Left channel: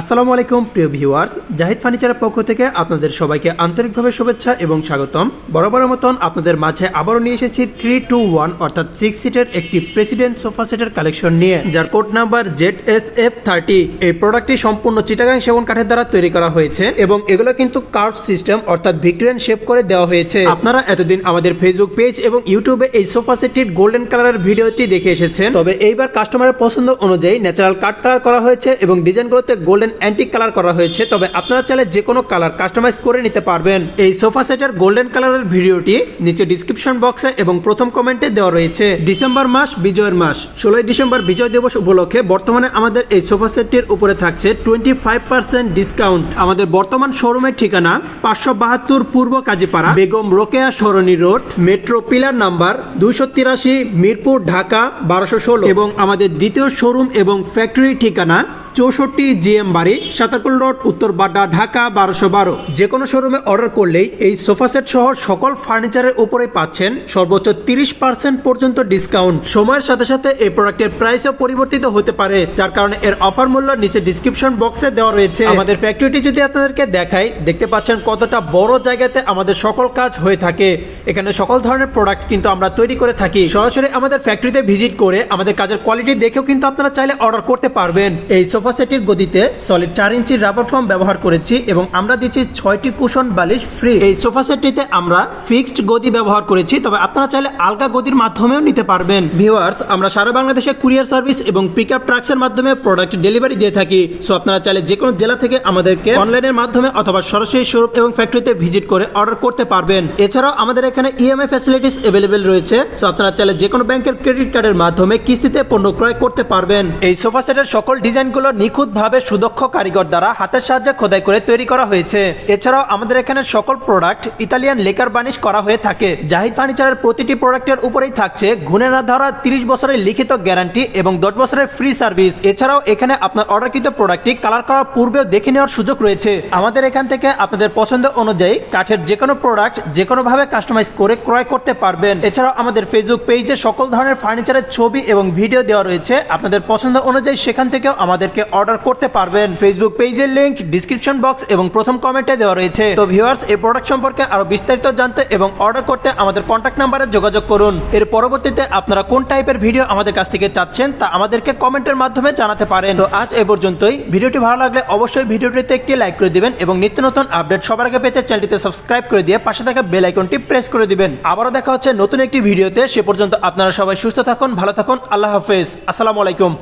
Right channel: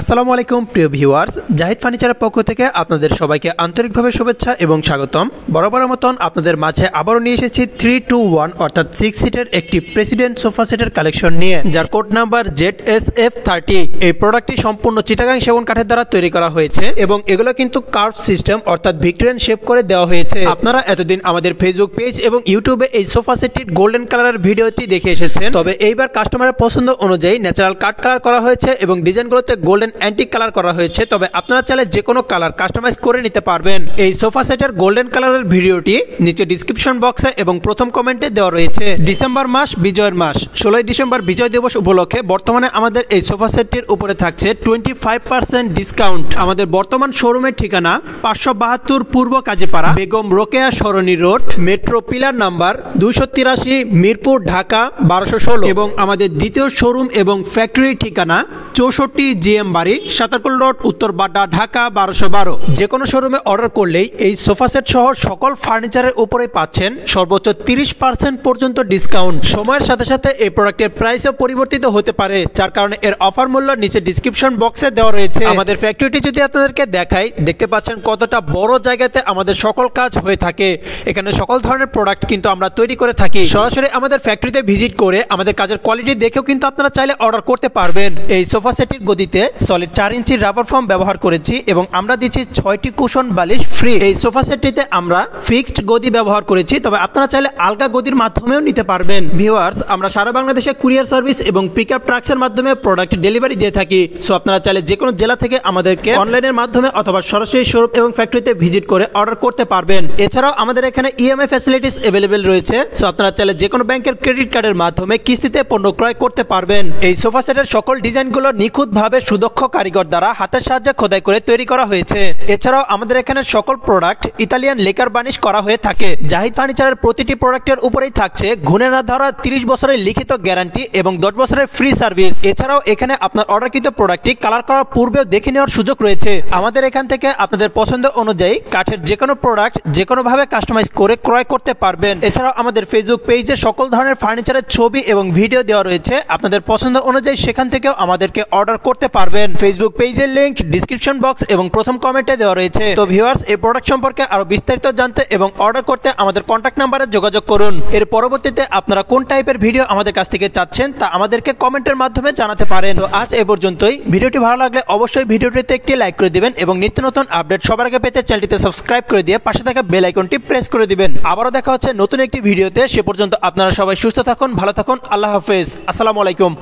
আসসালামু আলাইকুম প্রিয় ভিউয়ার্স, জাহিদ ফার্নিচারের পক্ষ থেকে আপনাদের সবাইকে আন্তরিকভাবে শুভেচ্ছা এবং স্বাগতম। বরাবরের মতন আপনাদের মাঝে আবারও নিয়ে এসেছি 3-2-1 অর্থাৎ 6 সিটের একটি প্রেসিডেন্ট সোফা সেটের কালেকশন নিয়ে, যার কোড নাম্বার ZSF30। এই প্রোডাক্টটি সম্পূর্ণ চিটাগাং সেগুন কাঠের দ্বারা তৈরি করা হয়েছে এবং এগুলো কিন্তু কার্ভ সিস্টেম অর্থাৎ ভিক্টোরিয়ান শেপ করে দেওয়া হয়েছে। আপনারা এতদিন আমাদের ফেসবুক পেজ এবং ইউটিউবে এই সোফা সেটটির গোল্ডেন কালারের ভিডিওটি দেখে এসেছেন, তবে এইবার কাস্টমারের পছন্দ অনুযায়ী ন্যাচারাল কাট কালার করা হয়েছে এবং ডিজাইনগুলোতে গোল্ডেন অ্যান্টিক কালার করা হয়েছে। তবে আপনারা চাইলে যে কোনো কালার কাস্টমাইজ করে নিতে পারবেন। এই সোফা সেটের গোল্ডেন কালারের ভিডিওটি নিচে ডিসক্রিপশন বক্সে এবং প্রথম কমেন্টে দেওয়া রয়েছে। ডিসেম্বর মাস বিজয়ের মাস, 16 ডিসেম্বর বিজয় দিবস উপলক্ষে বর্তমানে আমাদের এই সোফা সেটটির উপরে থাকছে 25% ডিসকাউন্ট। আমাদের বর্তমান শোরুমের ঠিকানা 572 পূর্ব Kazipara, Begum Rokeya Sarani road, metro pillar number 283, Mirpur, Dhaka 1216 এবং আমাদের দ্বিতীয় শোরুম এবং ফ্যাক্টরি ঠিকানা 64 GM বাড়ি, সাতাকুল রোড, উত্তর বাড্ডা, ঢাকা 1212। যে কোনো শোরুমে অর্ডার করলেই এই সোফা সেট সহ সকল ফার্নিচারের উপরে পাচ্ছেন সর্বোচ্চ 30% পর্যন্ত ডিসকাউন্ট। সময়ের সাথে সাথে এই প্রোডাক্টের প্রাইসও পরিবর্তিত হতে পারে, যার কারণে এর অফার মূল্য নিচে ডিসক্রিপশন বক্সে দেওয়া রয়েছে। আমাদের ফ্যাক্টরিটি যদি আপনাদেরকে দেখাই, দেখতে পাচ্ছেন কতটা বড় জায়গাতে আমাদের সকল কাজ হয়ে থাকে। এখানে সকল ধরনের প্রোডাক্ট কিন্তু আমরা তৈরি করে থাকি। সরাসরি আমাদের ফ্যাক্টরিতে ভিজিট করে আমাদের কাজের কোয়ালিটি দেখেও কিন্তু আপনারা চাইলে অর্ডার করতে পারবেন। এই সোফা সেটের গদিতে সলিড 4 ইঞ্চি রাবার ফোম ব্যবহার করেছি এবং আমরা দিচ্ছি 6টি কুশন বালিশ ফ্রি। এই সোফা সেটটিতে আমরা ফিক্সড গদি ব্যবহার করেছি, তবে আপনারা চাইলে আলগা গদির মাধ্যমেও নিতে পারবেন। ভিউয়ার্স, আমরা সারা বাংলাদেশে কুরিয়ার সার্ভিস এবং পিকআপ ট্রাক্সের মাধ্যমে প্রোডাক্ট ডেলিভারি দিয়ে থাকি। সো আপনারা চাইলে যে কোনো জেলা থেকে আমাদেরকে অনলাইনের মাধ্যমে অথবা সরাসরি শোরুম এবং ফ্যাক্টরিতে ভিজিট করে অর্ডার করতে পারবেন। এছাড়াও আমাদের এখানে ইএমআই ফ্যাসিলিটিস अवेलेबल রয়েছে। সো আপনারা চাইলে যে কোনো ব্যাংকের ক্রেডিট কার্ডের মাধ্যমে কিস্তিতে পণ্য ক্রয় করতে পারবেন। এই সোফা সেটের সকল ডিজাইনগুলো নিখুঁতভাবে সুদক্ষ কারিগর দ্বারা হাতের সাহায্যে খোদাই করে তৈরি করা হয়েছে। এছাড়াও আমাদের এখানে সকল প্রোডাক্ট ইতালিয়ান লেকার বার্নিশ করা হয়ে থাকে। জাহিদ ফার্নিচারের প্রতিটি প্রোডাক্টের উপরেই থাকছে ঘুণে না ধরা 30 বছরের লিখিত গ্যারান্টি এবং 10 বছরের ফ্রি সার্ভিস। এছাড়াও এখানে আপনার অর্ডারকৃত প্রোডাক্টটি কালার করার পূর্বেও দেখে নেওয়ার সুযোগ রয়েছে। আমাদের এখান থেকে আপনাদের পছন্দ অনুযায়ী কাঠের যে কোনো প্রোডাক্ট যে কোনো ভাবে কাস্টমাইজ করে ক্রয় করতে পারবেন। এছাড়াও আমাদের ফেসবুক পেজে সকল ধরনের ফার্নিচারের ছবি এবং ভিডিও দেওয়া রয়েছে। আপনাদের পছন্দ অনুযায়ী সেখান থেকেও আমাদেরকে অর্ডার করতে পারবেন। ফেসবুক পেজের লিংক ডিসক্রিপশন বক্স এবং প্রথম কমেন্টে দেওয়া রয়েছে। তো ভিউয়ার্স, এই প্রোডাক্ট সম্পর্কে আরো বিস্তারিত জানতে এবং অর্ডার করতে আমাদের কন্ট্যাক্ট নাম্বারে যোগাযোগ করুন। এর পরবর্তীতে আপনারা কোন টাইপের ভিডিও আমাদের কাছ থেকে চাচ্ছেন তা আমাদেরকে কমেন্টের মাধ্যমে জানাতে পারেন। তো আজ এ পর্যন্তই। ভিডিওটি ভালো লাগলে অবশ্যই ভিডিওটিতে একটি লাইক করে দিবেন এবং নিত্য নতুন আপডেট সবার আগে পেতে চ্যানেলটিতে সাবস্ক্রাইব করে দিয়ে পাশে থাকা বেল আইকনটি প্রেস করে দিবেন। আবারও দেখা হচ্ছে নতুন একটি ভিডিওতে। সে পর্যন্ত আপনারা সবাই সুস্থ থাকুন, ভালো থাকুন। আল্লাহ হাফেজ। আসসালামু আলাইকুম।